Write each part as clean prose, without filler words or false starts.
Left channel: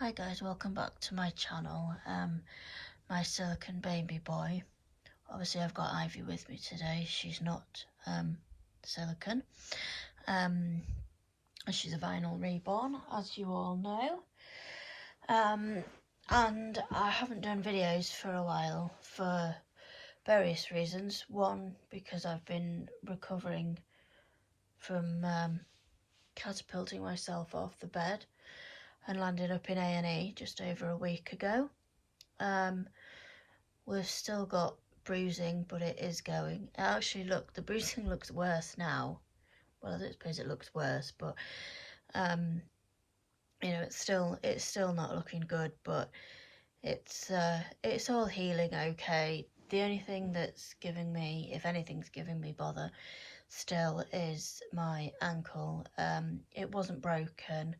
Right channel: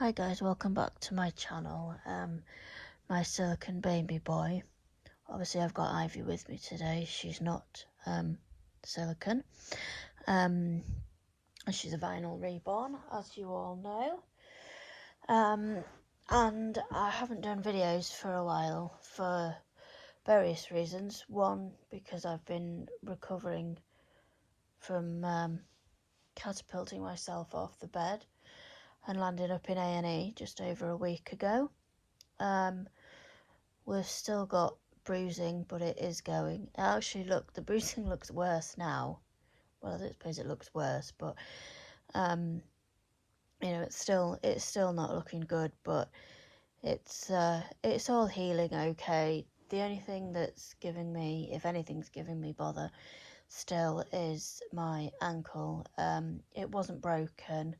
Hi guys, welcome back to my channel. My silicone baby boy. Obviously I've got Ivy with me today. She's not silicone. And she's a vinyl reborn, as you all know. And I haven't done videos for a while for various reasons. One, because I've been recovering from catapulting myself off the bed and landing up in A&E just over a week ago. We've still got bruising, but it is going. Actually, look, the bruising looks worse now. Well, I don't suppose it looks worse, but you know, it's still not looking good, but it's all healing okay. The only thing that's giving me, if anything's giving me bother still, is my ankle. It wasn't broken,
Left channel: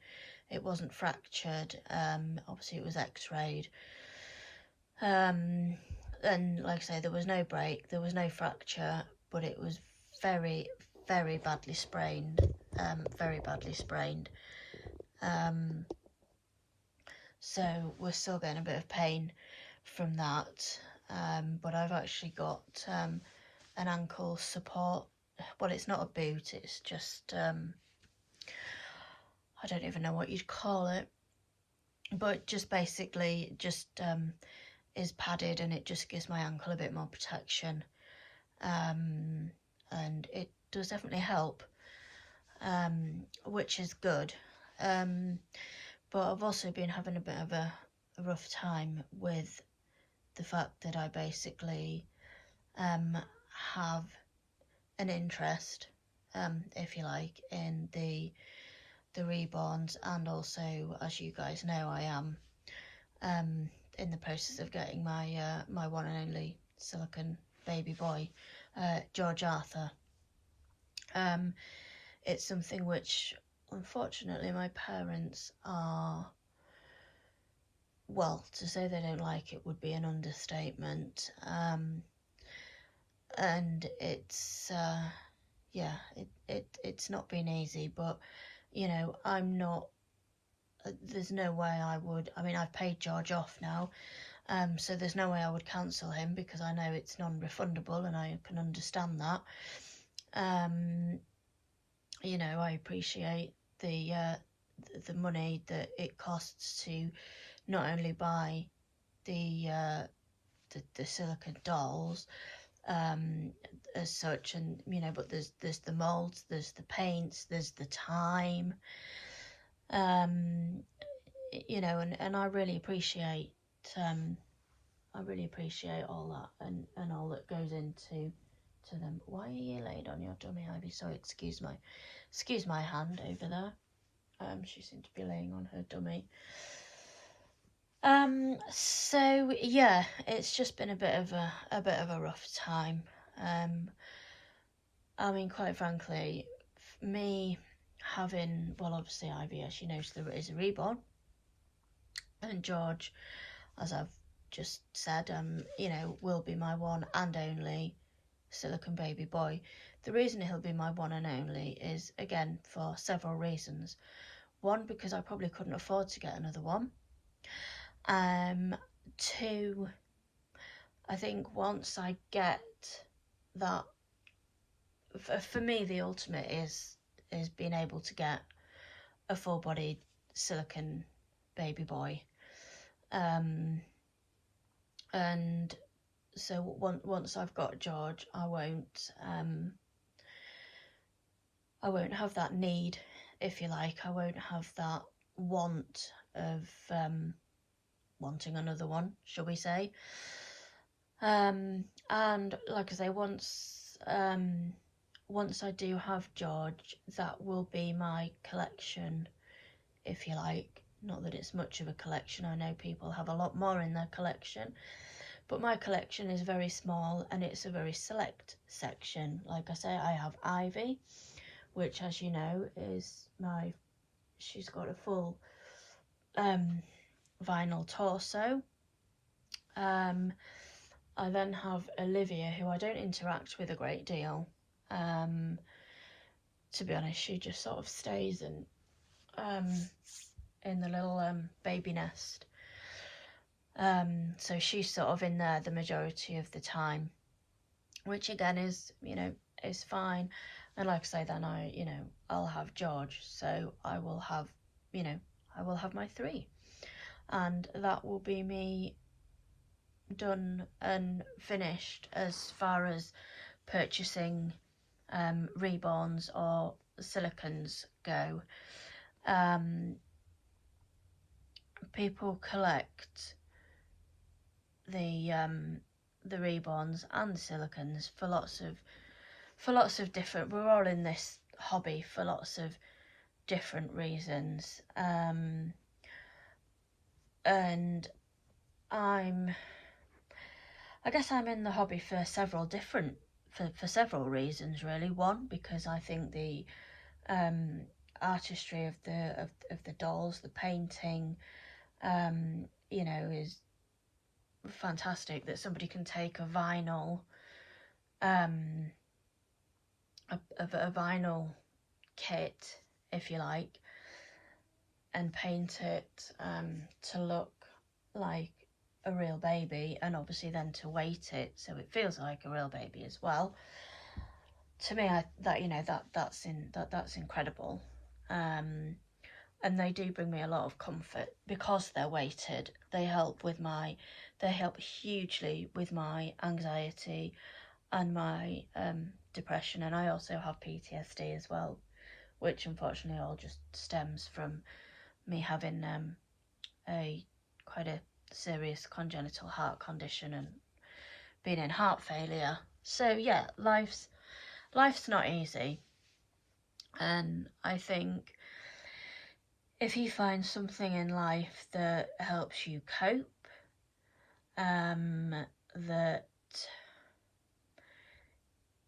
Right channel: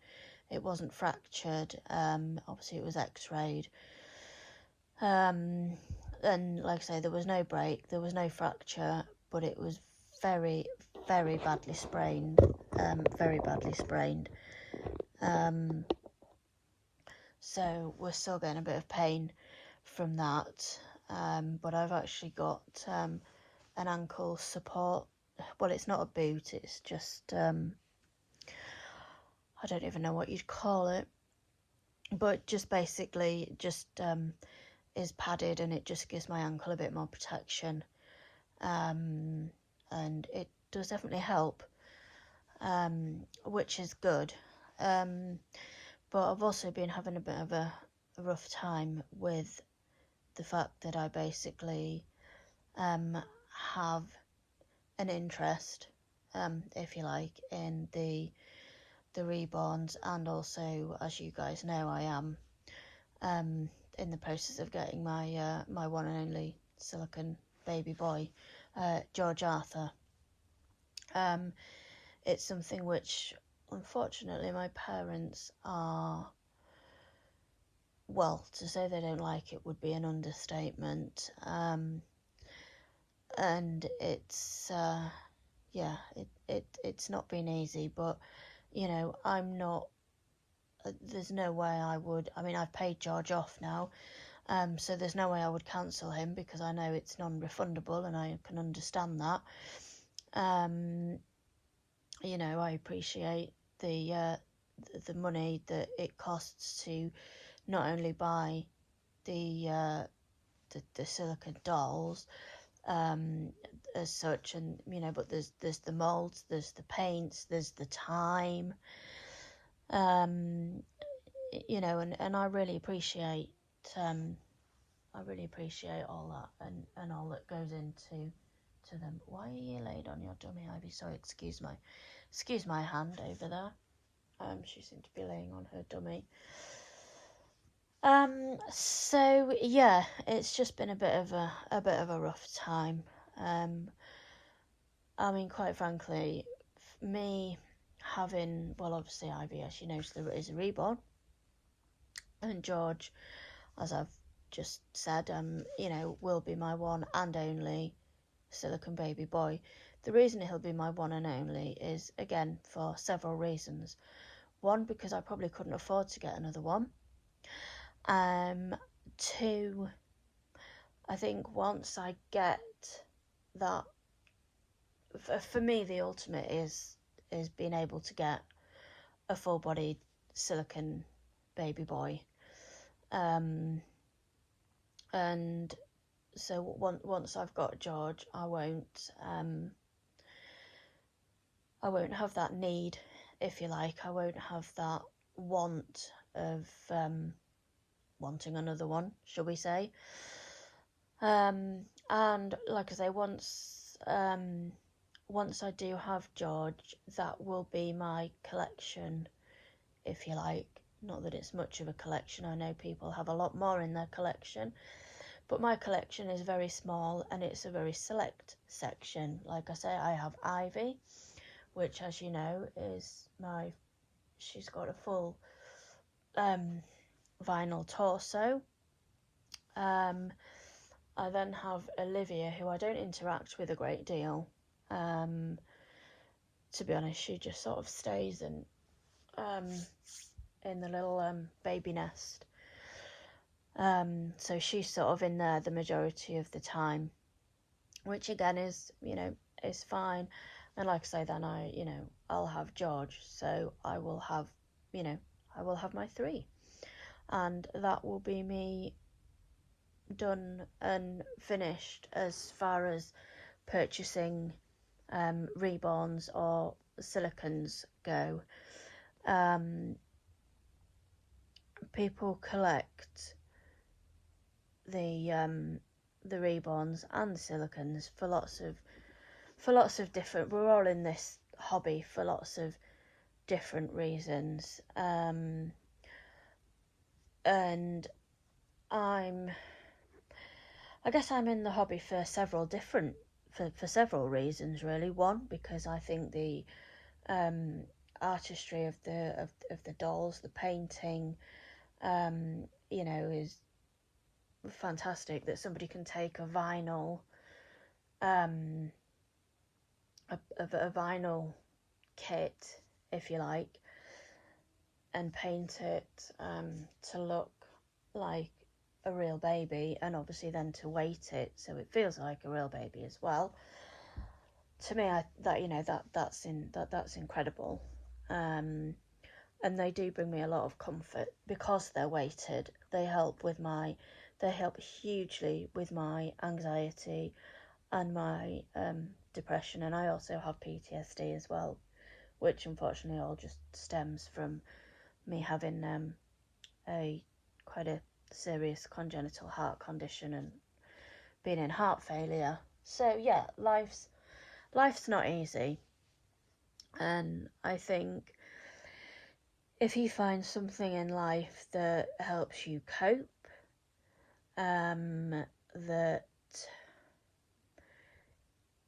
it wasn't fractured. Obviously it was x-rayed. And like I say, there was no break, there was no fracture, but it was very, very badly sprained. Very badly sprained. So we're still getting a bit of pain from that. But I've actually got an ankle support. Well, it's not a boot, it's just I don't even know what you'd call it, but just basically just is padded, and it just gives my ankle a bit more protection. And it does definitely help, which is good. But I've also been having a bit of a rough time with the fact that I basically have an interest, if you like, in the reborns, and also, as you guys know, I am in the process of getting my my one and only silicone baby boy, George Arthur. It's something which, unfortunately, my parents are, well, to say they don't like it would be an understatement. And it's yeah, it's not been easy, but you know, I'm not, there's no way I would, I mean, I've paid George off now, so there's no way I would cancel him, because I know it's non-refundable, and I can understand that. You know, I appreciate the money that it costs to not only buy the silicone dolls as such, and you know, but there's the molds, there's the paints, there's the time, you know, and I really appreciate all that, and all that goes into them. Why are you laid on your dummy, Ivy? So excuse my hand over there. She seemed to be laying on her dummy. So yeah, it's just been a bit of a rough time. I mean, quite frankly, me having, well, obviously Ivy, as you know, there is a reborn, and George, as I've just said, you know, will be my one and only silicone baby boy. The reason he'll be my one and only is, again, for several reasons. One, because I probably couldn't afford to get another one. Two, I think once I get that, for me, the ultimate is being able to get a full-bodied silicone baby boy. And so once I've got George, I won't have that need, if you like. I won't have that want of wanting another one, shall we say. And like I say, once I do have George, that will be my collection, if you like. Not that it's much of a collection, I know people have a lot more in their collection, but my collection is very small, and it's a very select section. Like I say, I have Ivy, which, as you know, is she's got a full vinyl torso. I then have Olivia, who I don't interact with a great deal. To be honest, she just sort of stays and in the little baby nest. So she's sort of in there the majority of the time, which again is, is fine. And like I say, then I'll have George, so I will have, I will have my 3, and that will be me done and finished as far as purchasing reborns or silicons go. People collect the reborns and the silicons for lots of different. We're all in this hobby for lots of different reasons, and I guess I'm in the hobby for several reasons, really. One, because I think the artistry of the dolls, the painting, is fantastic. That somebody can take a vinyl, a vinyl kit, if you like, and paint it to look like a real baby, and obviously then to weight it so it feels like a real baby as well. To me, that's incredible, and they do bring me a lot of comfort because they're weighted. They help hugely with my anxiety and my depression, and I also have PTSD as well, which unfortunately all just stems from me having quite a serious congenital heart condition and being in heart failure. So yeah, life's not easy, and I think if you find something in life that helps you cope, that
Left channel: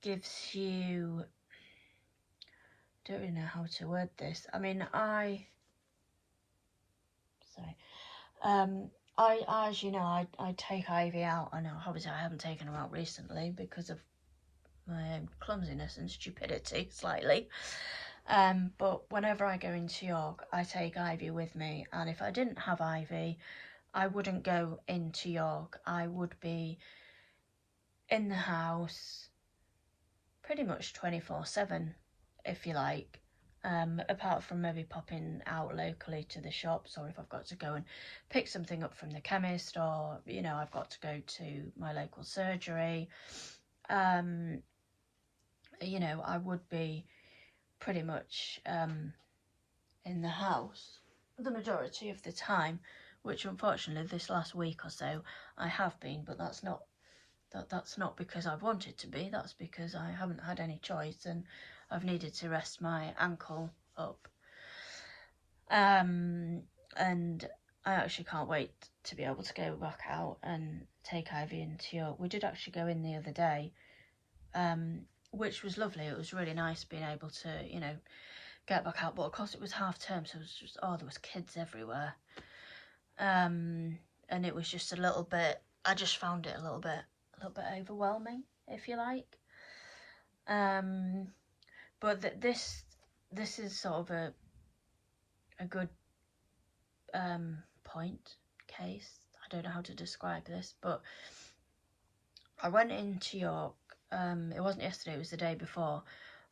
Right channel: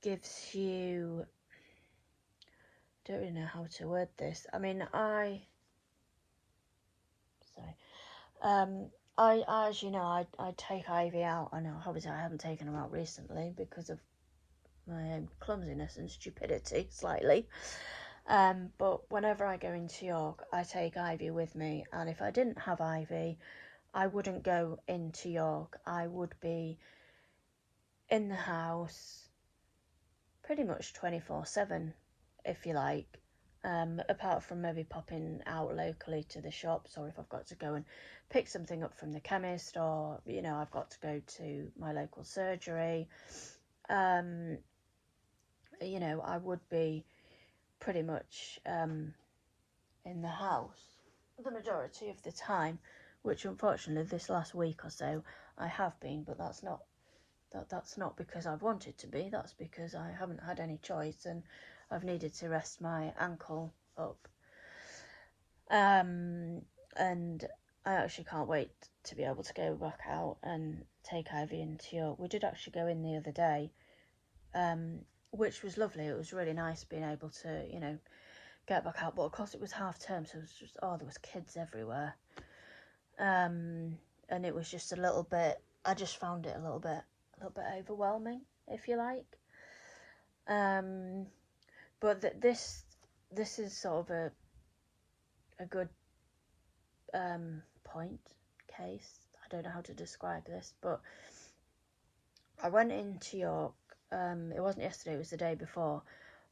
gives you, I don't really know how to word this. I mean, as you know, I take Ivy out. I know, obviously, I haven't taken her out recently because of my own clumsiness and stupidity, slightly. But whenever I go into York, I take Ivy with me, and if I didn't have Ivy, I wouldn't go into York. I would be in the house pretty much 24/7, if you like. Apart from maybe popping out locally to the shops, or if I've got to go and pick something up from the chemist, or I've got to go to my local surgery. I would be pretty much in the house the majority of the time, which unfortunately this last week or so I have been, but that's not because I've wanted to be. That's because I haven't had any choice, and I've needed to rest my ankle up. And I actually can't wait to be able to go back out and take Ivy into York. We did actually go in the other day, which was lovely. It was really nice being able to, get back out. But of course it was half term, so it was just, there was kids everywhere. And it was just a little bit, I just found it a little bit overwhelming, if you like. But this is sort of a good case. I don't know how to describe this, but I went into York. It wasn't yesterday, it was the day before,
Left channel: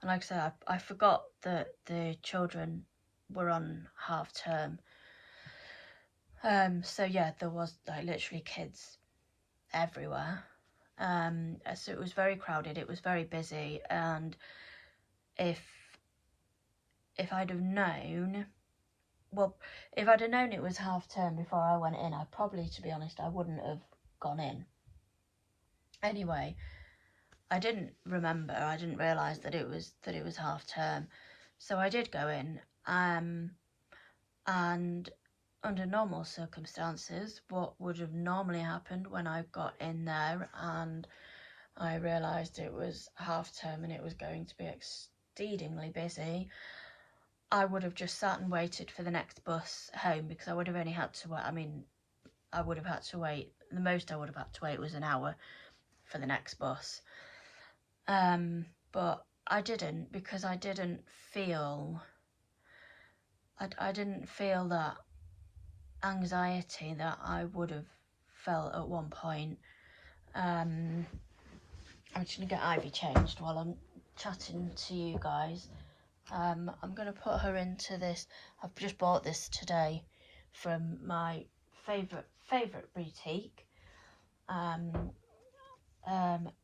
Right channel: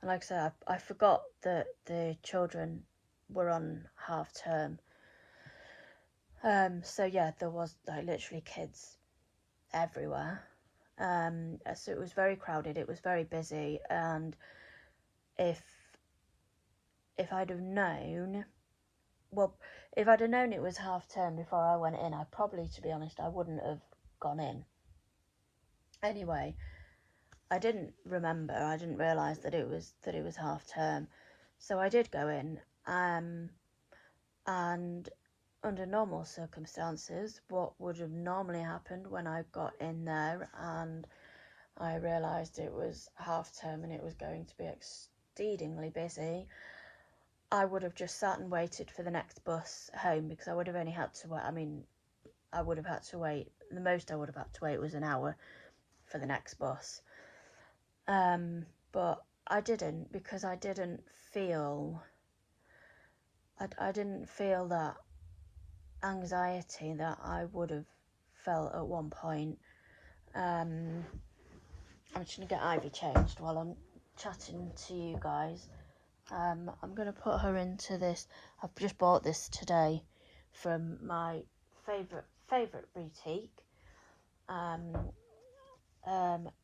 and like I said, I forgot that the children were on half term. So yeah, there was like literally kids everywhere. So it was very crowded, it was very busy, and if I'd have known, if I'd have known it was half term before I went in, I probably, to be honest, I wouldn't have gone in. Anyway, I didn't realise that it was half term, so I did go in, and under normal circumstances, what would have normally happened when I got in there and I realised it was half term and it was going to be exceedingly busy, I would have just sat and waited for the next bus home, because I would have only had to wait. I mean, I would have had to wait, the most I would have had to wait was an hour for the next bus. But I didn't, because I didn't feel that anxiety that I would have felt at one point. I'm just gonna get Ivy changed while I'm chatting to you guys. I'm gonna put her into this. I've just bought this today from my favorite boutique.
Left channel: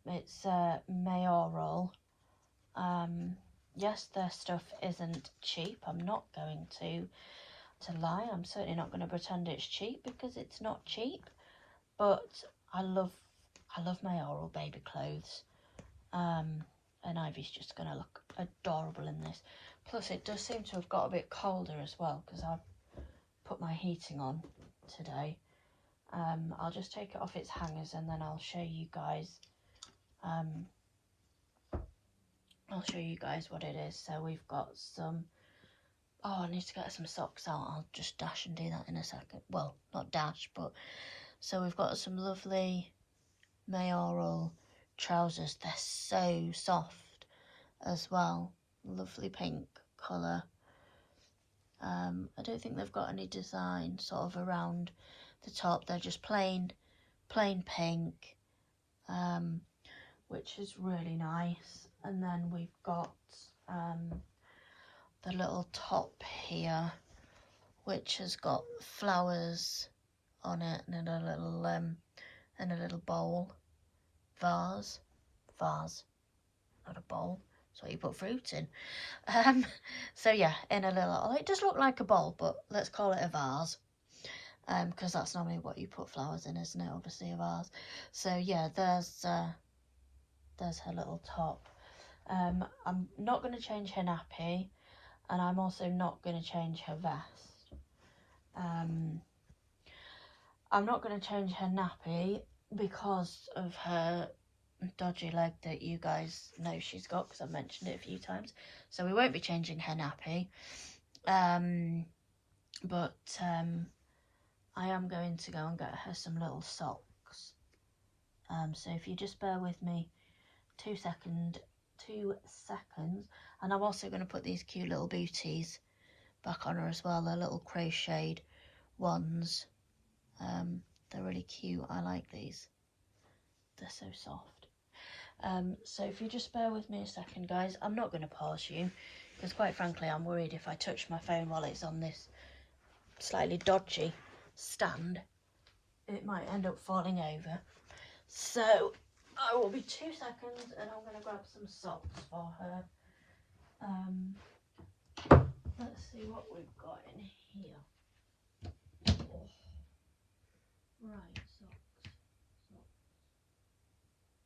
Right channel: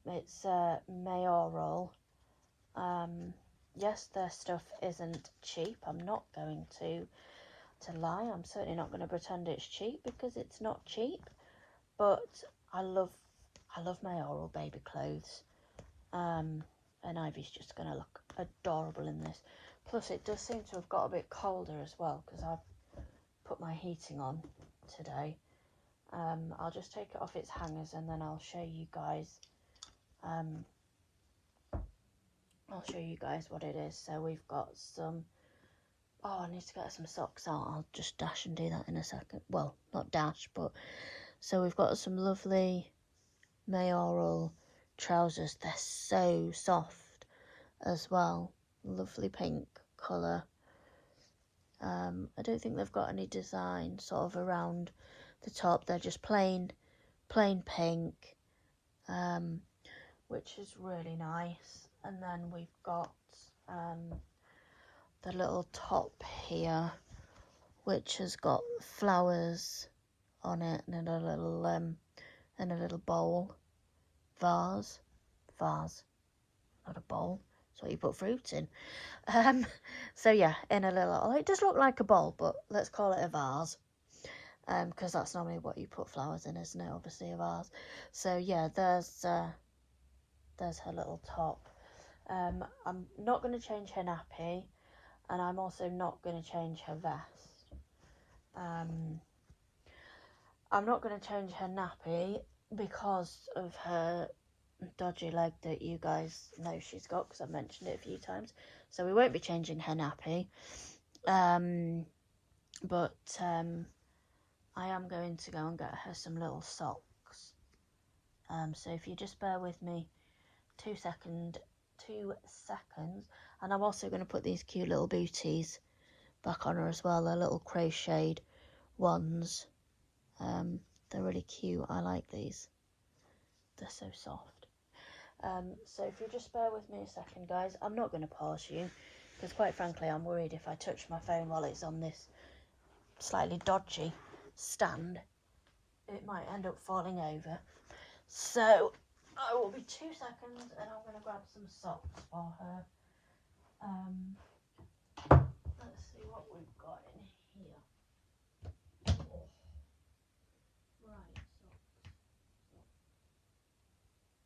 It's mayoral. Yes, their stuff isn't cheap. I'm not going to lie. I'm certainly not going to pretend it's cheap, because it's not cheap. But I love mayoral baby clothes. And Ivy's just going to look adorable in this. Plus, it does seem to have got a bit colder as well, because I've put my heating on today. I'll just take it off its hangers and then I'll show you guys. I'll show you guys what it is. So we've got some. Oh, I need to get some socks out. I'll just dash and do that in a second. Well, not dash, but so we've got some lovely mayoral trousers. They're so soft as well. Lovely pink colour. I don't think they've got any design sort of around the top. They're just plain pink, which is really nice. And then we've got the little top here, which has got flowers on it, and a little bowl, vase, not a bowl. That's what you put fruit in. So yeah, in a little. Oh, it does look like a bowl, but let's call it a vase. Because that's normally what you put flowers in, isn't it? Obviously a vase. So yeah, there's her little top. I'm not going to change her nappy, and I'm also not going to change her vest. I'm not going to change her nappy because of her dodgy leg that you guys know she's got, because I've mentioned it a few times. So we won't be changing her nappy. But I am going to go and get her some little socks. So if you just bear with me 2 seconds, and I'm also going to put these cute little booties back on her as well. They're little crocheted ones. They're really cute. I like these. They're so soft. So if you just bear with me a second, guys, I'm not going to pause you, because quite frankly I'm worried if I touch my phone while it's on this slightly dodgy stand, it might end up falling over. So I will be 2 seconds, and I'm going to grab some socks for her. Let's see what we've got in here. Oh. Right, socks.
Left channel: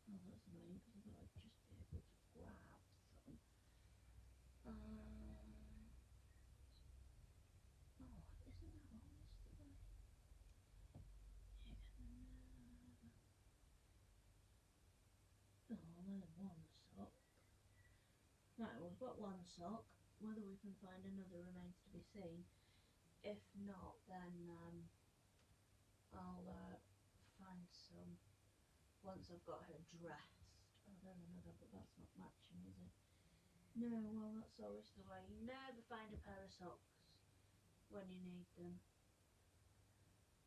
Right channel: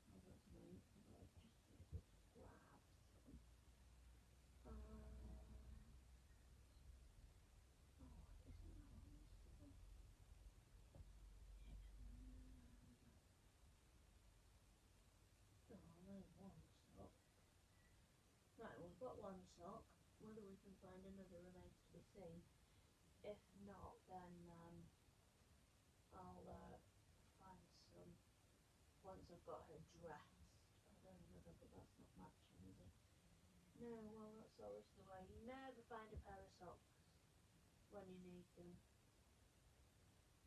Oh, that's annoying, because I thought I'd just be able to grab some. Oh, isn't that Oh, there's one sock. Right, we've got one sock. Whether we can find another remains to be seen. If not, then I'll find some once I've got her dressed. Oh, there's another, but that's not matching, is it? No, well, that's always the way. You never find a pair of socks when you need them.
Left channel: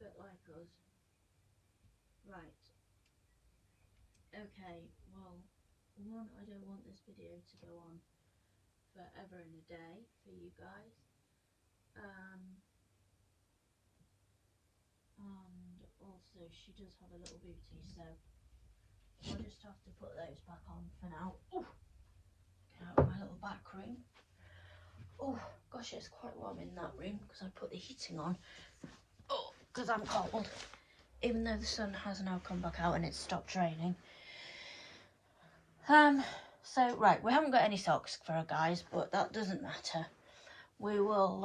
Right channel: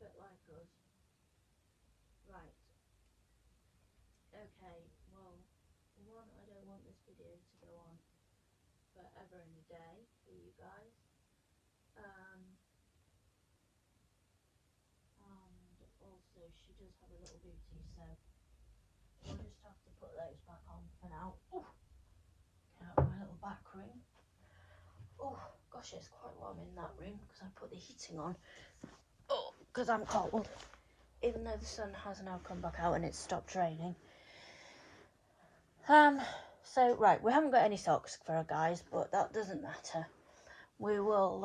Bit like us. Right. Okay, well, one, I don't want this video to go on forever and a day for you guys. And also she does have a little booty, so I'll just have to put those back on for now. Ooh, get out of my little back room. Oh gosh, it's quite warm in that room because I put the heating on. Oh, because I'm cold, even though the sun has now come back out and it's stopped raining. So right, we haven't got any socks for her, guys, but that doesn't matter. We will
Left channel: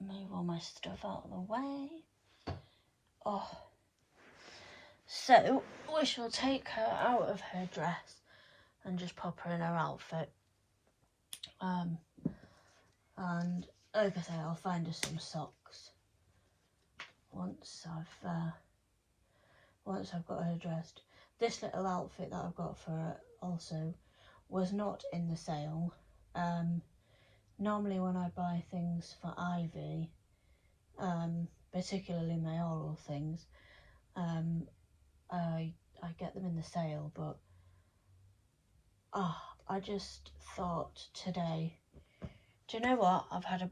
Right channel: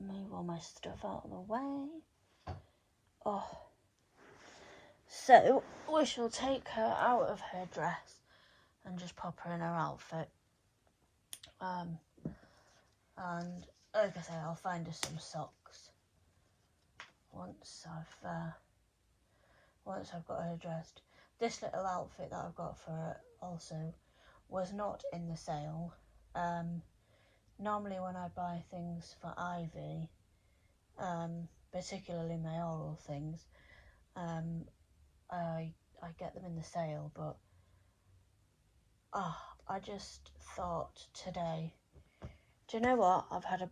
move all my stuff out of the way. Oh, so we shall take her out of her dress and just pop her in her outfit. And like I say, I'll find her some socks once I've got her dressed. This little outfit that I've got for her also was not in the sale. Normally when I buy things for Ivy, particularly mayoral things. I get them in the sale, but I just thought today, do you know what? I've had a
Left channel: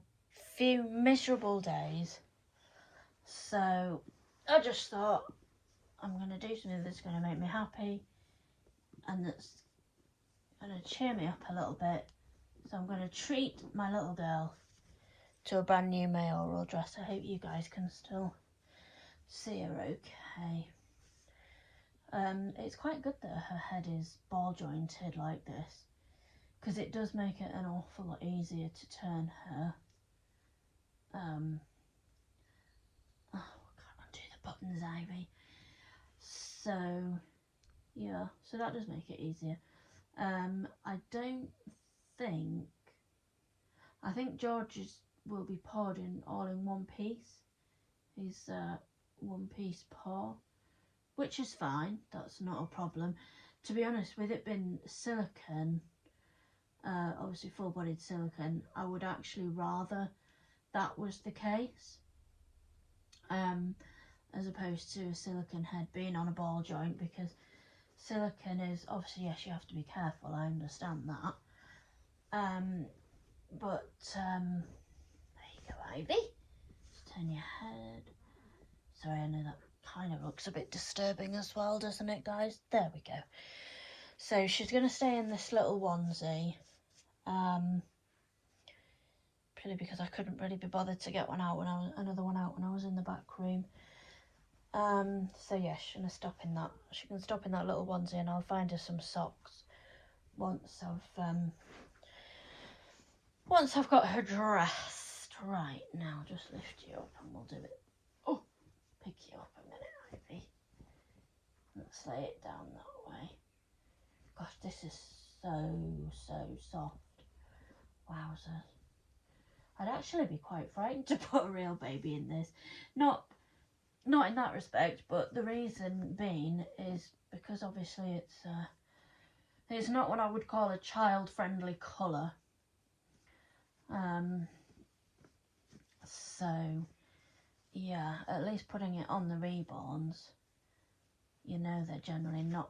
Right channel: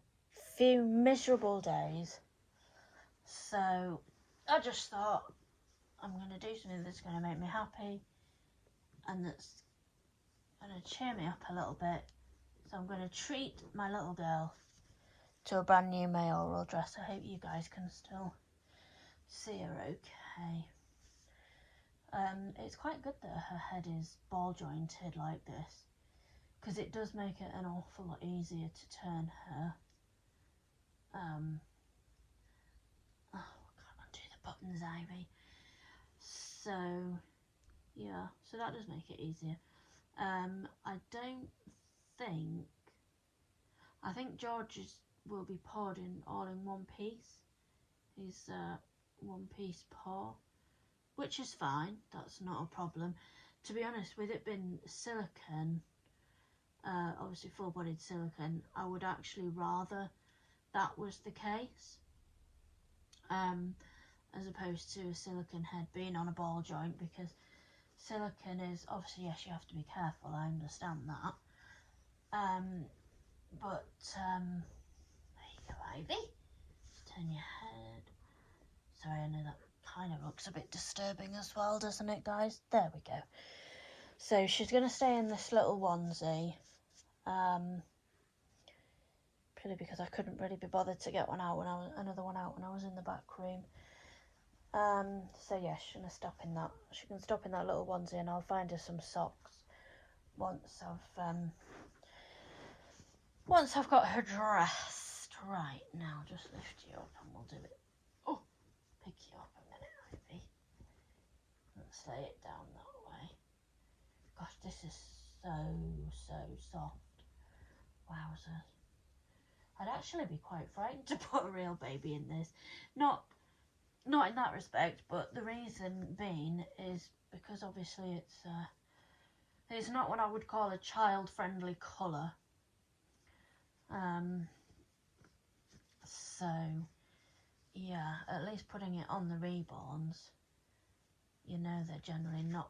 few miserable days, so I just thought I'm going to do something that's going to make me happy and that's going to cheer me up a little bit. So I'm going to treat my little girl to a brand new mayoral dress. I hope you guys can still see her okay. It's quite good that her head is ball jointed like this, because it does make it an awful lot easier to turn her. I can't undo the buttons, Ivy. So yeah, so that does make it easier. I think George's will be poured in all in one piece. His one piece pour, which is fine, that's not a problem. To be honest, with it being silicone, obviously full-bodied silicone, I would actually rather that was the case, as opposed to a silicone head being on a ball joint, because silicone is, obviously, yes, you have to be careful, I understand that. But there you go, Ivy. Just turn your head. Sorry, I know that kind of looks a bit disturbing as well, doesn't it, guys? There we go. So she's going to stay in this little onesie, purely because I couldn't really be bothered to get another one out when I was in the back room. So yeah, she's going to stop in that. She can stop in that little onesie, and I'll find her some socks once I've got her dressed. Right, now just lift you up and we'll do it. Oh, pick you up a minute, Ivy. Let's lay it down that way. Gosh, this is so soft. Wowzers. I'd actually be quite frightened to put a real baby in this. Not in that respect, but the reason being is because obviously it's not what I would call a child-friendly colour. So yeah, at least putting it on the reborns, you know they're generally not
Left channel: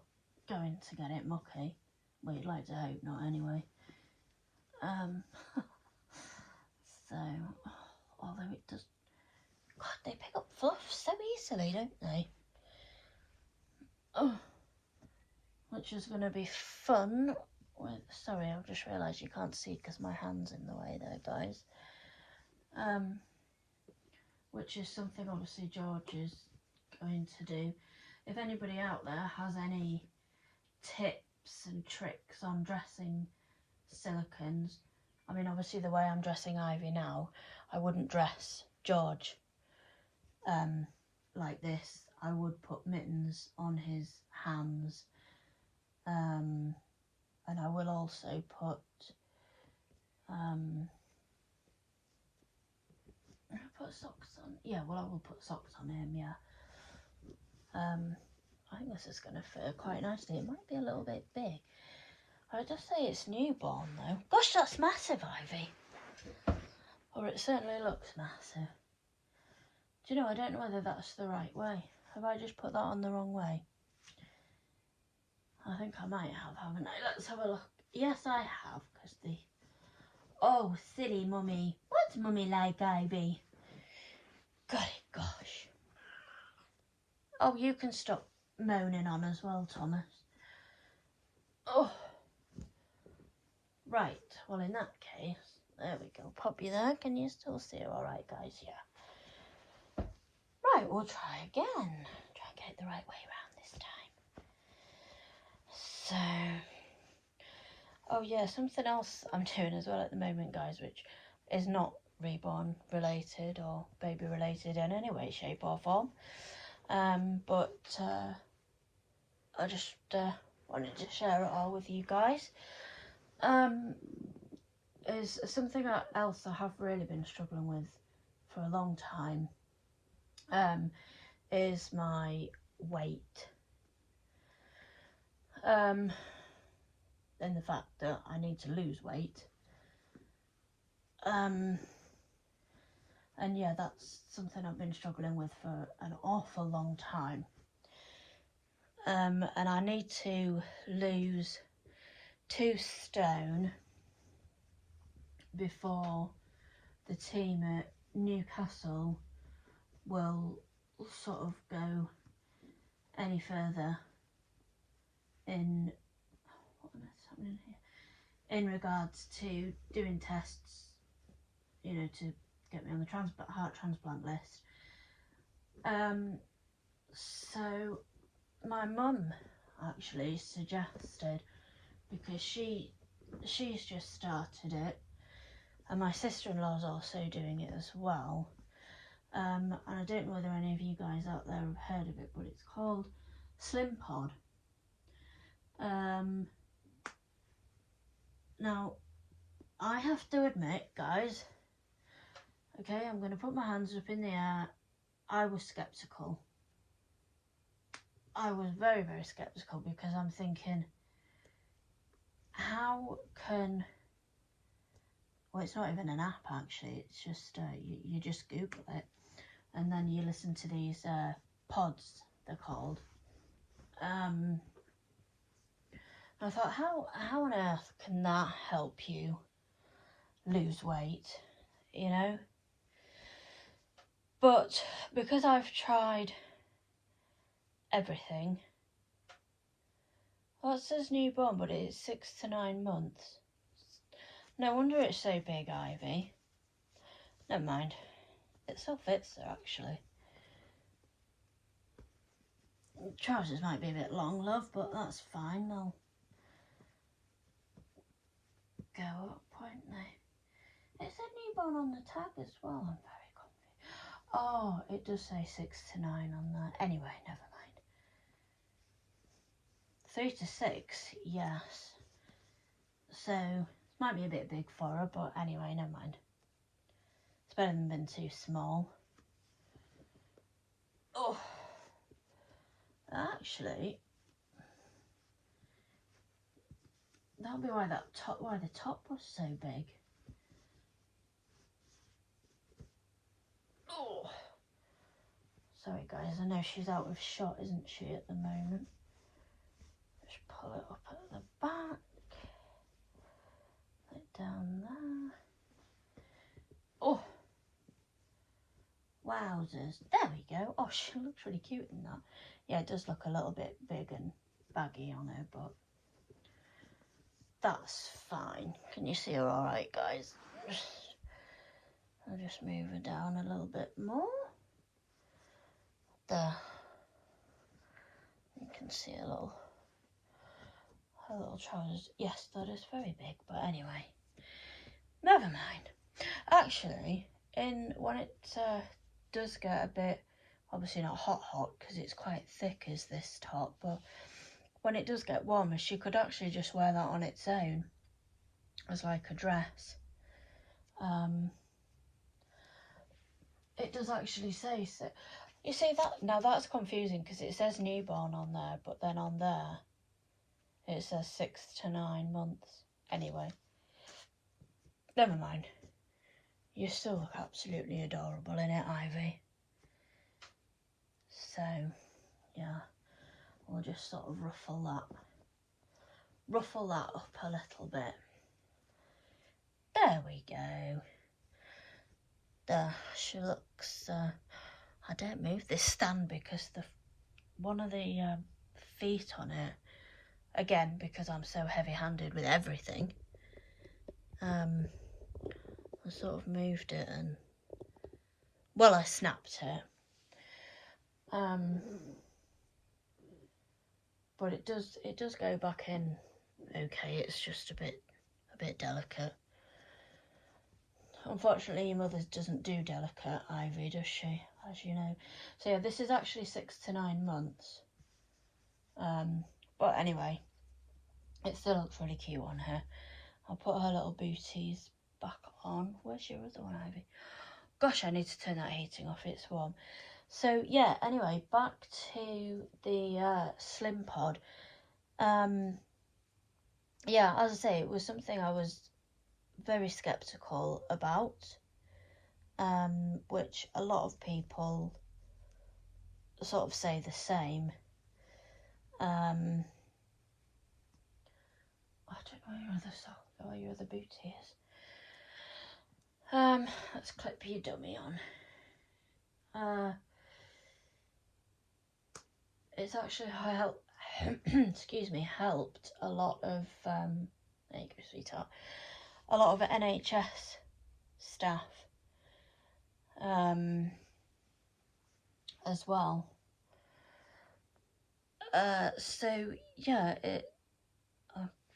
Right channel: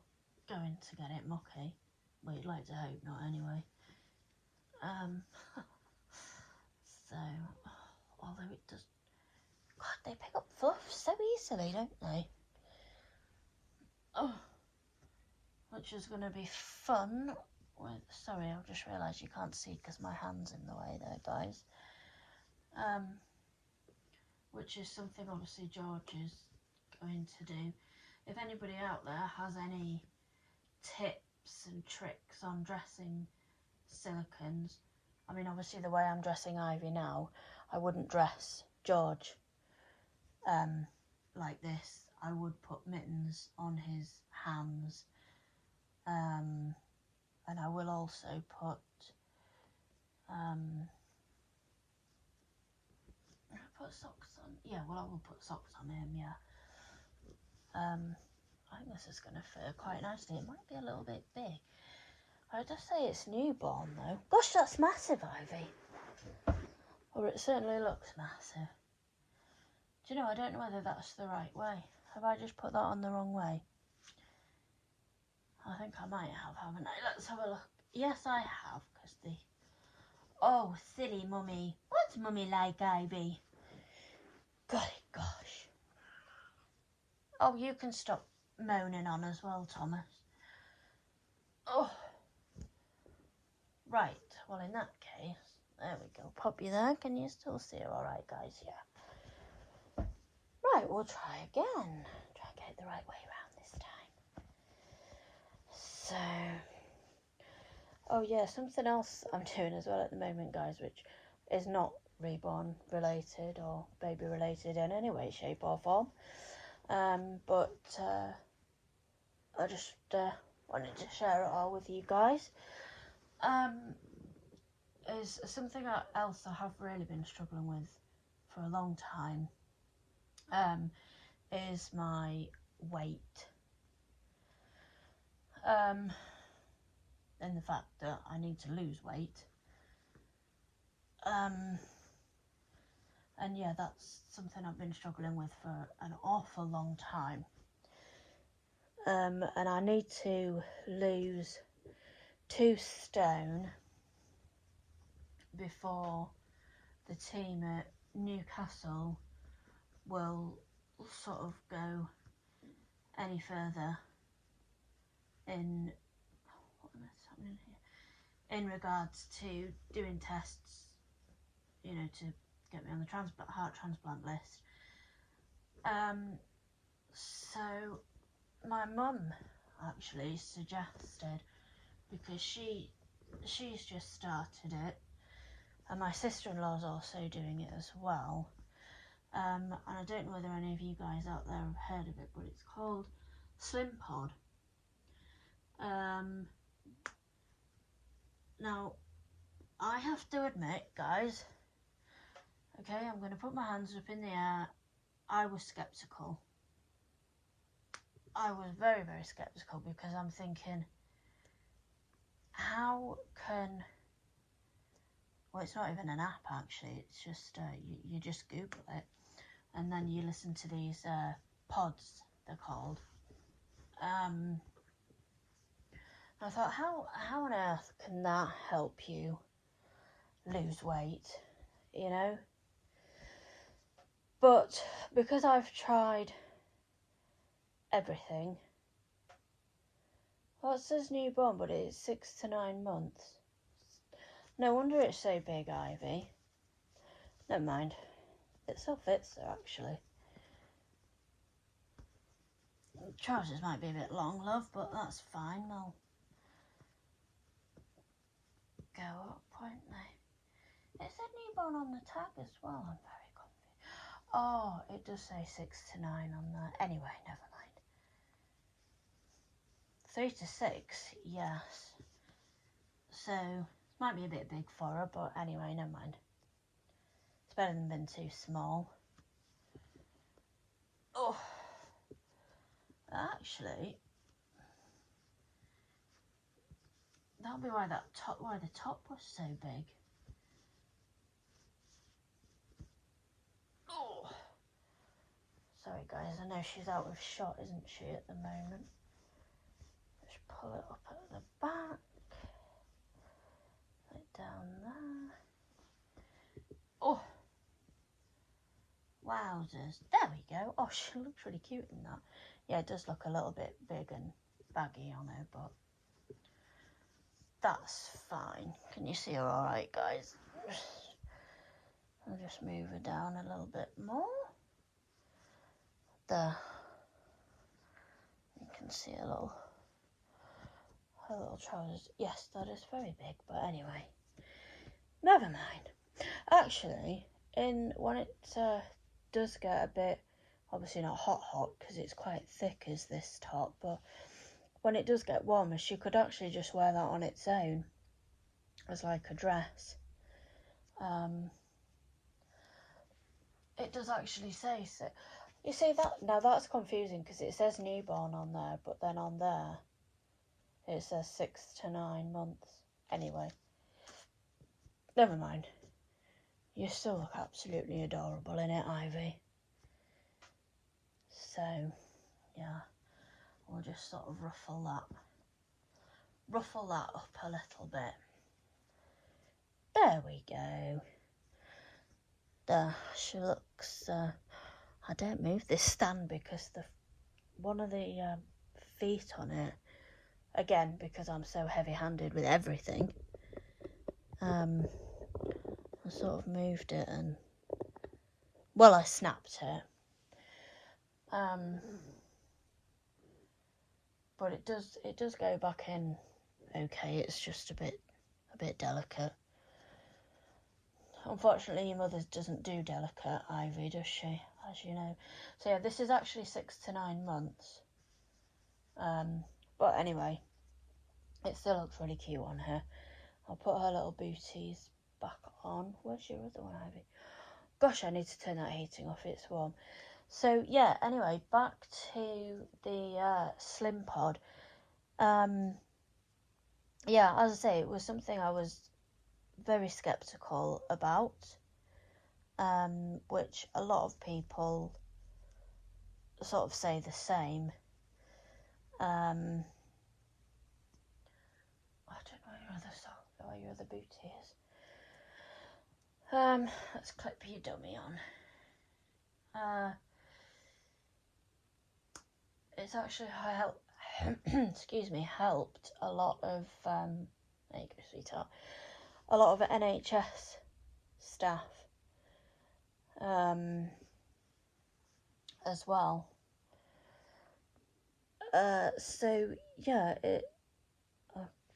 going to get it mucky. Well, you'd like to hope not anyway. So, although it does, God, they pick up fluff so easily, don't they? Oh, which is going to be fun. Sorry, I've just realised you can't see because my hand's in the way there, guys. Which is something obviously George is going to do. If anybody out there has any tips and tricks on dressing silicones, I mean, obviously the way I'm dressing Ivy now, I wouldn't dress George like this. I would put mittens on his hands, and I will also put socks on. Yeah, well, I will put socks on him, yeah. I think this is going to fit quite nicely. It might be a little bit big. I'd just say it's newborn, though. Gosh, that's massive, Ivy. Or it certainly looks massive. Do you know, I don't know whether that's the right way. Have I just put that on the wrong way? I think I might have, haven't I? Let's have a look. Yes, I have, because the... Oh, silly mummy. What's mummy like, Ivy? Golly gosh. Oh, you can stop moaning on as well, Thomas. Oh. Right, well, in that case, there we go. Pop you there. Can you still see her all right, guys? Yeah. Right, we'll try again. Try and get it the right way around this time. So, oh yeah, something else I'm doing as well at the moment, guys, which is not reborn related or baby related in any way, shape or form. But I just wanted to share it all with you guys. Is something else I have really been struggling with for a long time, is my weight. And the fact that I need to lose weight. And yeah, that's something I've been struggling with for an awful long time. And I need to lose 2 stone before the team at Newcastle will sort of go any further in happening here in regards to doing tests, you know, to get me on the heart transplant list. So my mum actually suggested, because she's just started it, and my sister-in-law's also doing it as well. And I don't know whether any of you guys out there have heard of it, but it's called Slim Pod. Now, I have to admit, guys, okay, I'm going to put my hands up in the air, I was sceptical. I was very, very sceptical, because I'm thinking, how can... Well, it's not even an app, actually. It's just, you just Google it, and then you listen to these pods, they're called. I thought, how on earth can that help you lose weight, you know? But because I've tried everything, well, it says newborn, but it's 6 to 9 months. No wonder it's so big, Ivy. Never mind. It still fits there, actually. The trousers might be a bit long, love, but that's fine. They'll go up, won't they? It said newborn on the tag as well. I'm very confused. Oh, it does say 6 to 9 on there. Anyway, never mind. 3 to 6, yes. So, it might be a bit big for her, but anyway, never mind. It's better than being too small. Oh, actually, that'll be why the top was so big. Oh, sorry guys, I know she's out of shot, isn't she, at the moment? Just pull it up at the back, put it down there. Oh, wowzers, there we go. Oh, she looks really cute in that. Yeah, it does look a little bit big and baggy on her, but that's fine. Can you see her all right, guys? I'll just move her down a little bit more. There. You can see her little trousers. Yes, that is very big, but anyway, never mind. Actually, when it does get a bit, obviously not hot, because it's quite thick as this top, but when it does get warmer, she could actually just wear that on its own as like a dress. It does actually say so. You see that? Now that's confusing, because it says newborn on there, but then on there it says 6 to 9 months. Anyway, never mind. You still look absolutely adorable in it, Ivy. So, yeah, we'll just sort of ruffle that up a little bit. There we go. There, she looks, I don't move this stand because one of the feet on it, again, because I'm so heavy-handed with everything, I sort of moved it and, well, I snapped it. But it does go back in okay. It's just a bit delicate. Unfortunately, your mother doesn't do delicate, Ivy, does she? As you know. So yeah, this is actually 6 to 9 months. But anyway, it still looks really cute on her. I'll put her little booties back on. Where's your other one, Ivy? Gosh, I need to turn that heating off. It's warm. So yeah, anyway, back to the Slim Pod. Yeah, as I say, it was something I was very sceptical about. which a lot of people sort of say the same. I don't know where your other sock, or your other boot is. Let's clip your dummy on. It's actually excuse me, helped a lot of there you go, sweetheart. A lot of NHS staff as well. So yeah, I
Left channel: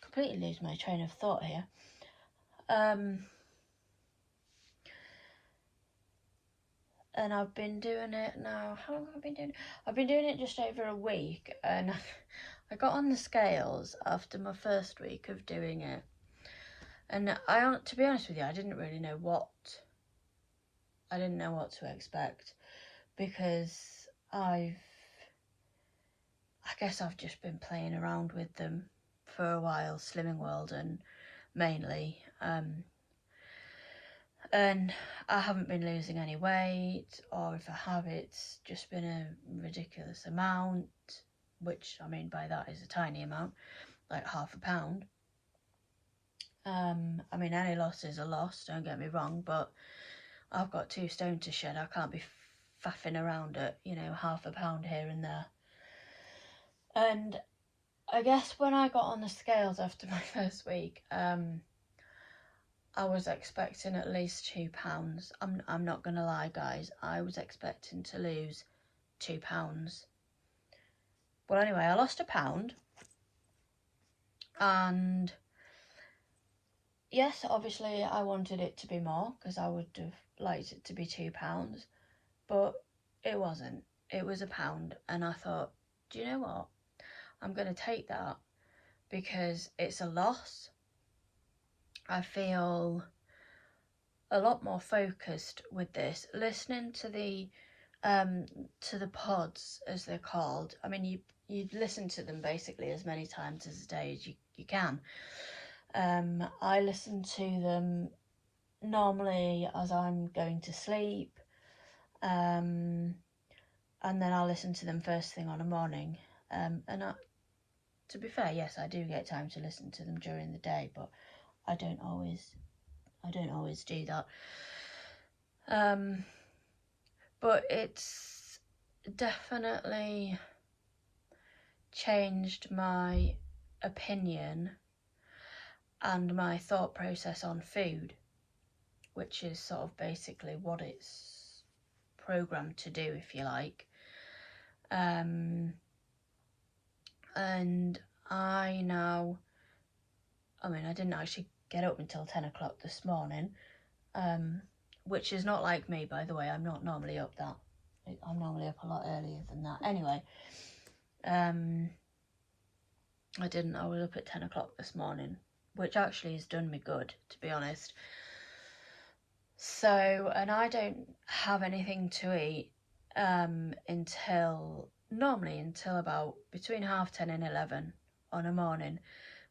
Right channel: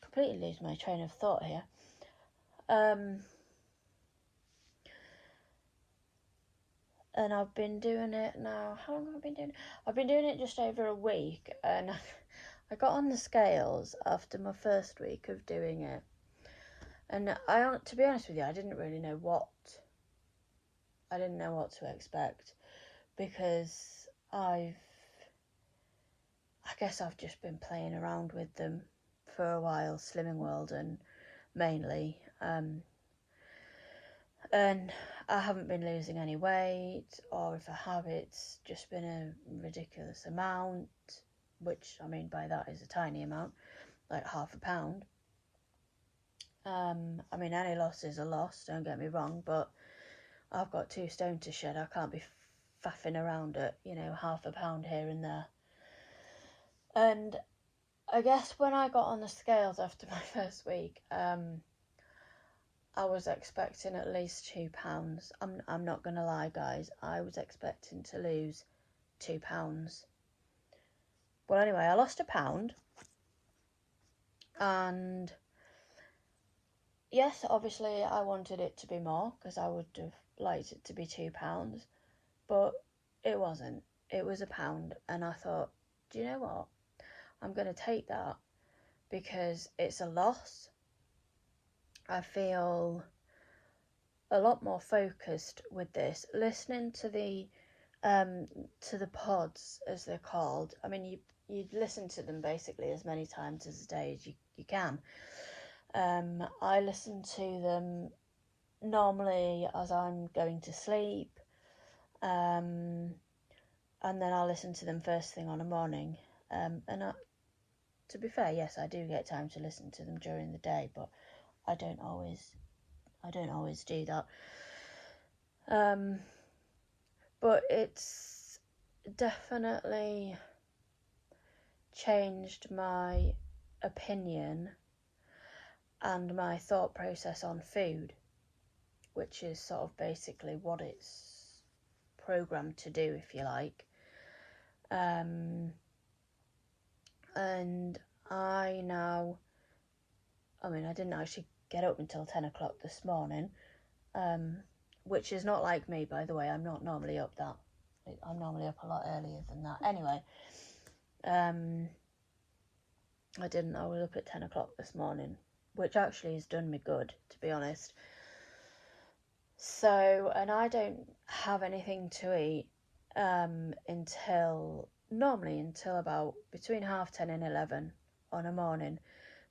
completely lose my train of thought here. And I've been doing it now. How long have I been doing it? I've been doing it just over a week, and I got on the scales after my first week of doing it. And to be honest with you, I didn't really know what to expect, because I guess I've just been playing around with them for a while, Slimming World and mainly, and I haven't been losing any weight, or if I have, it's just been a ridiculous amount, which I mean by that is a tiny amount, like half a pound. I mean, any loss is a loss, don't get me wrong, but I've got 2 stone to shed. I can't be faffing around at, half a pound here and there. And I guess when I got on the scales after my first week, I was expecting at least 2 pounds. I'm not gonna lie, guys. I was expecting to lose 2 pounds. Well, anyway, I lost a pound, and yes, obviously I wanted it to be more, because I would have liked it to be 2 pounds, but it wasn't. It was a pound, and I thought, do you know what? I'm gonna take that, because it's a loss. I feel a lot more focused with this, listening to the pods, as they're called. I mean, you listen to them basically as many times as a day as you can. I listen to them normally as I'm going to sleep, and then I'll listen to them first thing on a morning. And to be fair, yes, I do get time to listen to them during the day, but I don't always do that. But it's definitely changed my opinion and my thought process on food, which is sort of basically what it's programmed to do, if you like. And I didn't actually get up until 10 o'clock this morning, which is not like me, by the way. I'm not normally up that. I'm normally up a lot earlier than that. Anyway, I was up at 10 o'clock this morning, which actually has done me good, to be honest. So, and I don't have anything to eat until about between 10:30 and 11 on a morning.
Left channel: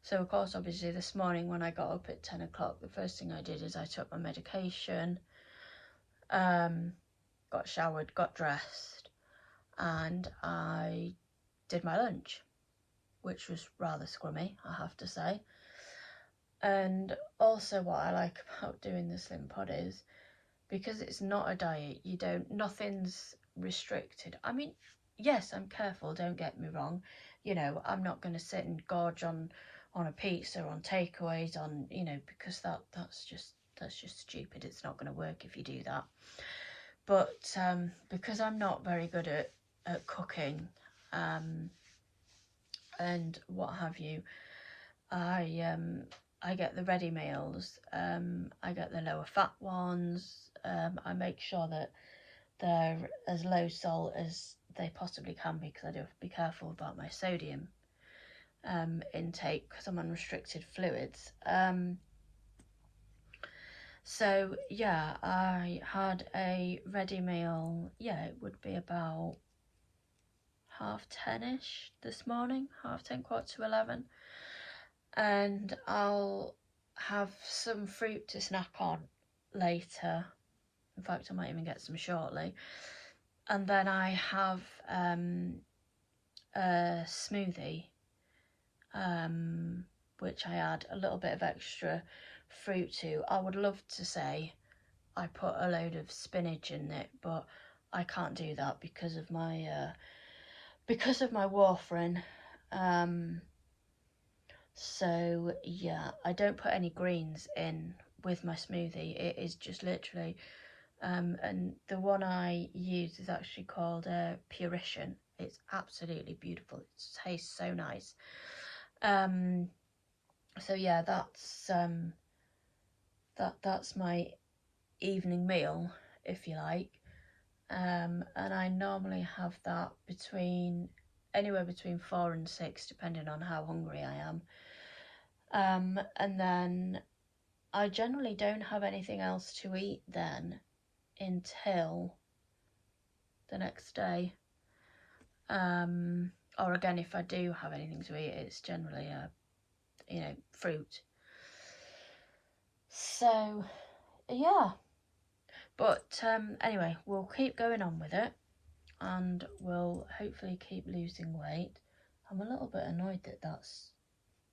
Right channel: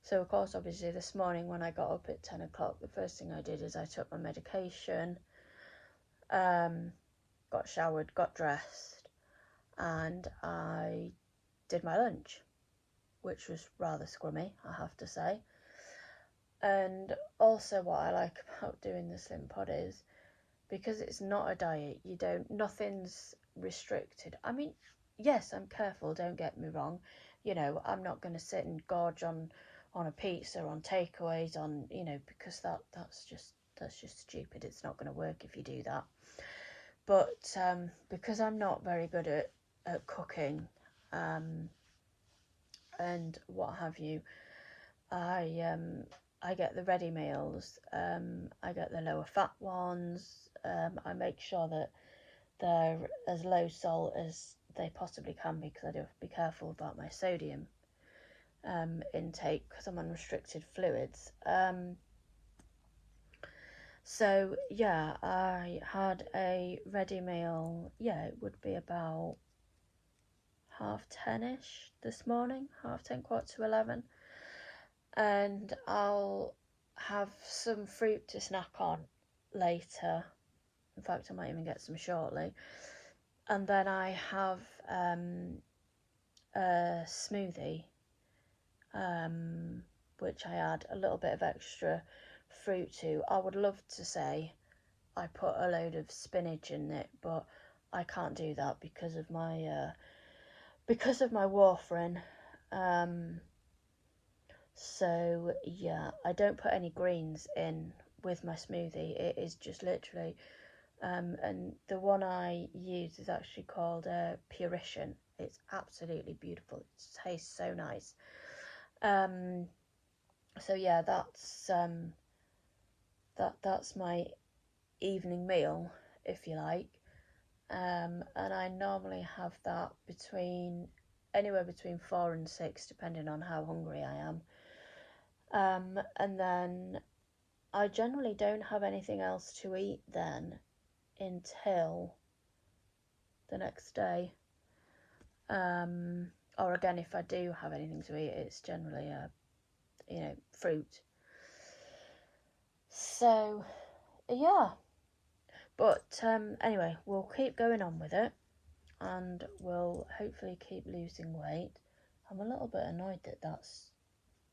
So of course, obviously this morning when I got up at 10 o'clock, the first thing I did is I took my medication, got showered, got dressed, and I did my lunch, which was rather scrummy, I have to say. And also what I like about doing the Slim Pod is, because it's not a diet, nothing's restricted. I mean, yes, I'm careful, don't get me wrong. I'm not going to sit and gorge on a pizza, on takeaways, on, because that's just stupid. It's not going to work if you do that. But because I'm not very good at cooking, and what have you, I get the ready meals. I get the lower fat ones. I make sure that they're as low salt as they possibly can be, because I do have to be careful about my sodium intake, because I'm on restricted fluids. So yeah, I had a ready meal. Yeah, it would be about 10:30ish this morning, 10:30, 11:15, and I'll have some fruit to snack on later, In fact, I might even get some shortly. And then I have a smoothie, which I add a little bit of extra fruit to. I would love to say I put a load of spinach in it, but I can't do that because of my warfarin. So yeah, I don't put any greens in with my smoothie. It is just literally, and the one I use is actually called Purition. It's absolutely beautiful. It tastes so nice. So yeah, that's my evening meal, if you like. And I normally have that anywhere between 4 and 6, depending on how hungry I am. And then I generally don't have anything else to eat then until the next day. Or again, if I do have anything to eat, it's generally fruit. So yeah, but anyway, we'll keep going on with it, and we'll hopefully keep losing weight. I'm a little bit annoyed that that's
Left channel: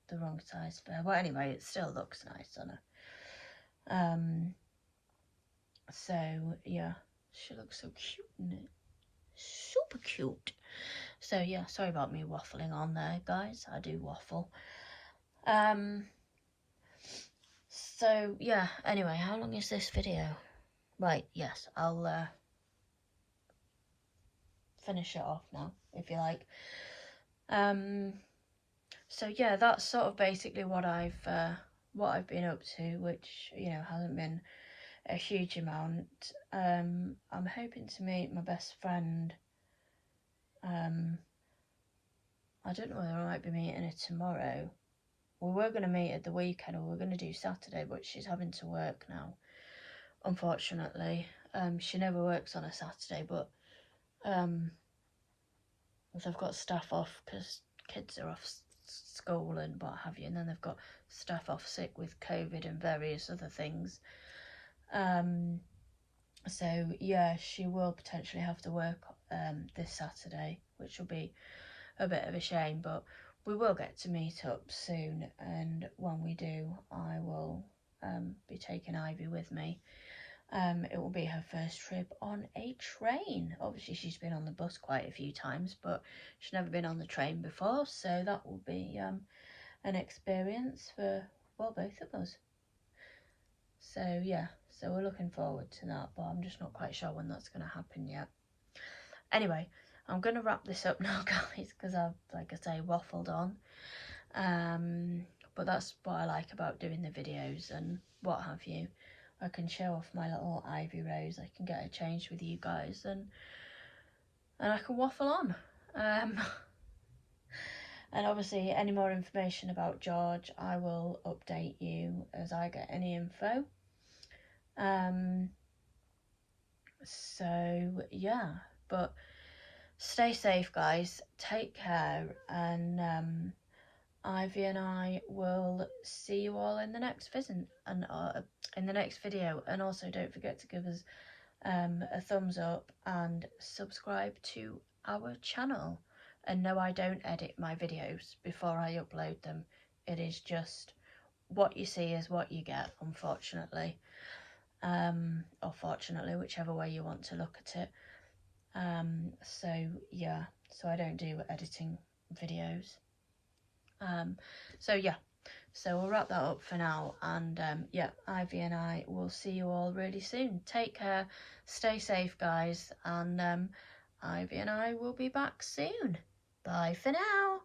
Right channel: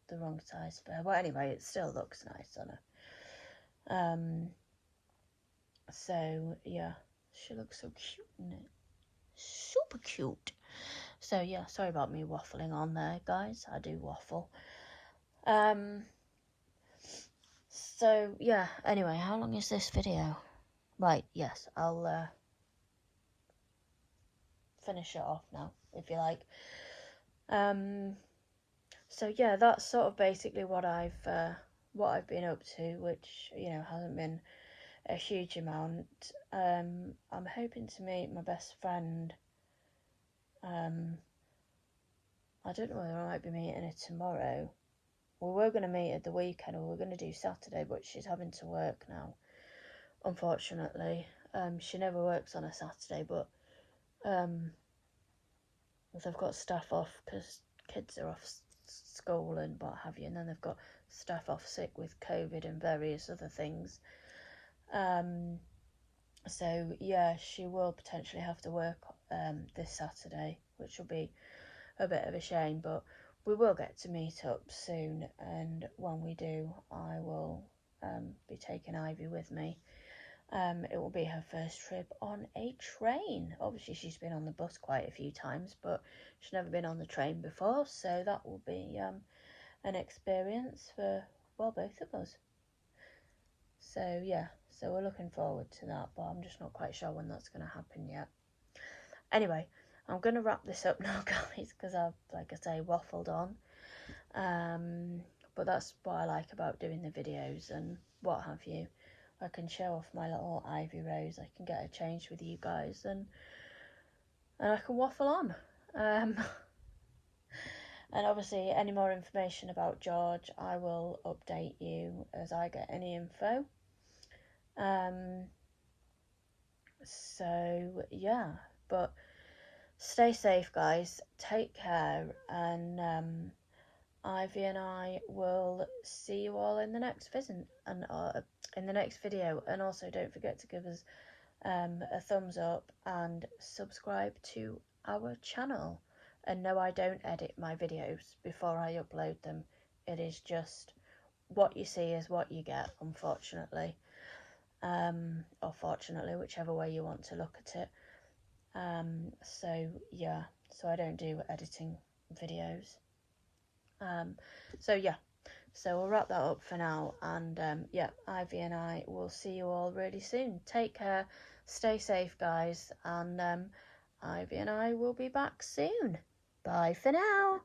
the wrong size for her. Well, anyway, it still looks nice on her. So yeah, she looks so cute, isn't it? Super cute. So yeah, sorry about me waffling on there, guys. I do waffle. So yeah, anyway, how long is this video? Right, yes, I'll finish it off now, if you like. So yeah, that's sort of basically what I've been up to, which, you know, hasn't been a huge amount. I'm hoping to meet my best friend. I don't know whether I might be meeting her tomorrow. We were going to meet at the weekend, or we were going to do Saturday, but she's having to work now, unfortunately. She never works on a Saturday, but they've got staff off because kids are off school and what have you, and then they've got staff off sick with COVID and various other things. So yeah, she will potentially have to work this Saturday, which will be a bit of a shame, but we will get to meet up soon, and when we do, I will be taking Ivy with me. It will be her first trip on a train. Obviously, she's been on the bus quite a few times, but she's never been on the train before, so that will be an experience for, well, both of us. So yeah, so we're looking forward to that, but I'm just not quite sure when that's going to happen yet. Anyway, I'm going to wrap this up now, guys, because I've, like I say, waffled on. But that's what I like about doing the videos and what have you. I can show off my little Ivy Rose. I can get her changed with you guys, and I can waffle on. And obviously, any more information about George, I will update you as I get any info. So yeah, but stay safe, guys. Take care, and Ivy and I will see you all in the next visit and in the next video. And also, don't forget to give us a thumbs up and subscribe to our channel. And no, I don't edit my videos before I upload them. It is just what you see is what you get, unfortunately. Or fortunately, whichever way you want to look at it. So yeah, so I don't do editing videos. So yeah, so we'll wrap that up for now, and yeah, Ivy and I will see you all really soon. Take care, stay safe, guys, and Ivy and I will be back soon. Bye for now.